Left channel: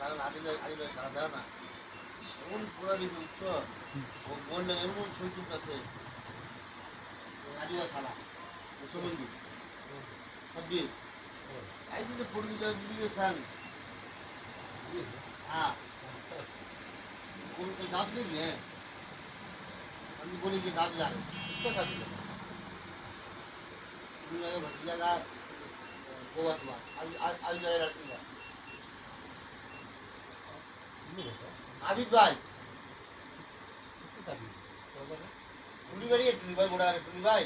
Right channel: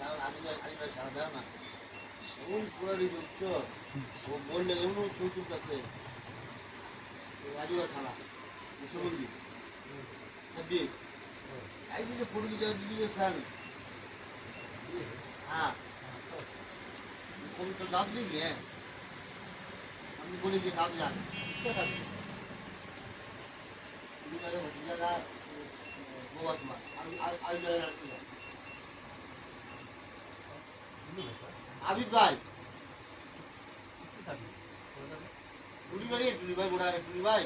কারণ আদিবাসী সারা দেয় না এমন পুরানি উচ্চ ও বললে এমন ছবি তুলতেছে রাজুয়া ছাড়া মুসলমানজি ছাব্বিশ आई थी तो पूरी जो वीडियो सन हाँ कोई तो दाब नहीं है हम बोले कि दाब जान किसका शादी है? पूरी जगह भतीजा का गोवा तुम्हारा आज जगह रहती है आबिद भाई किसकी शादी है? टूली भाई बुढ़ा टूली भाई